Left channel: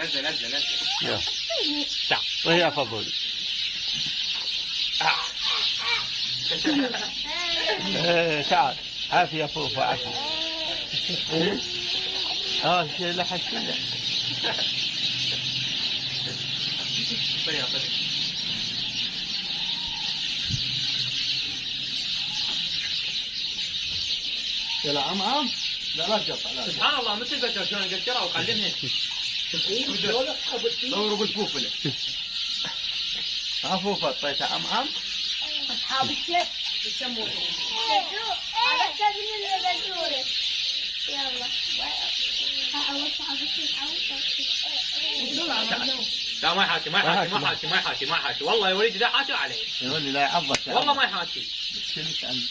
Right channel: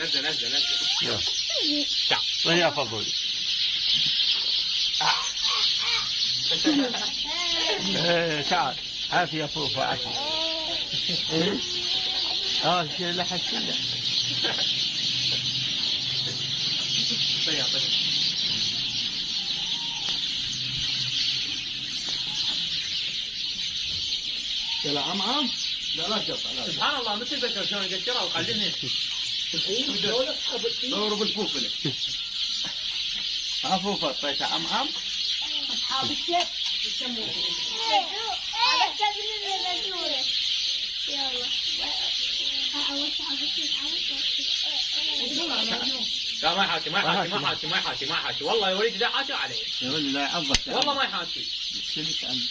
نزل نزل نزل. يلا تعال وهي فضولي. تعال عافية فوفا عافية. شيلة حشيلة. طيب طيب. يلا عم لا تقطع. سبحان الله مثل بشر شلون يقشرها ويقلمها. دوروا بالفوفله. فوفا طيب عم أصحاب الشيخ يسموه. لا ما يحاكي ما يحاكي ما يحاكي ما يحاكي ما يحاكي والله يا وليدي لا حاكي عليه. يقول لي لا يعضك والله ما يحاكي. شلت عنه.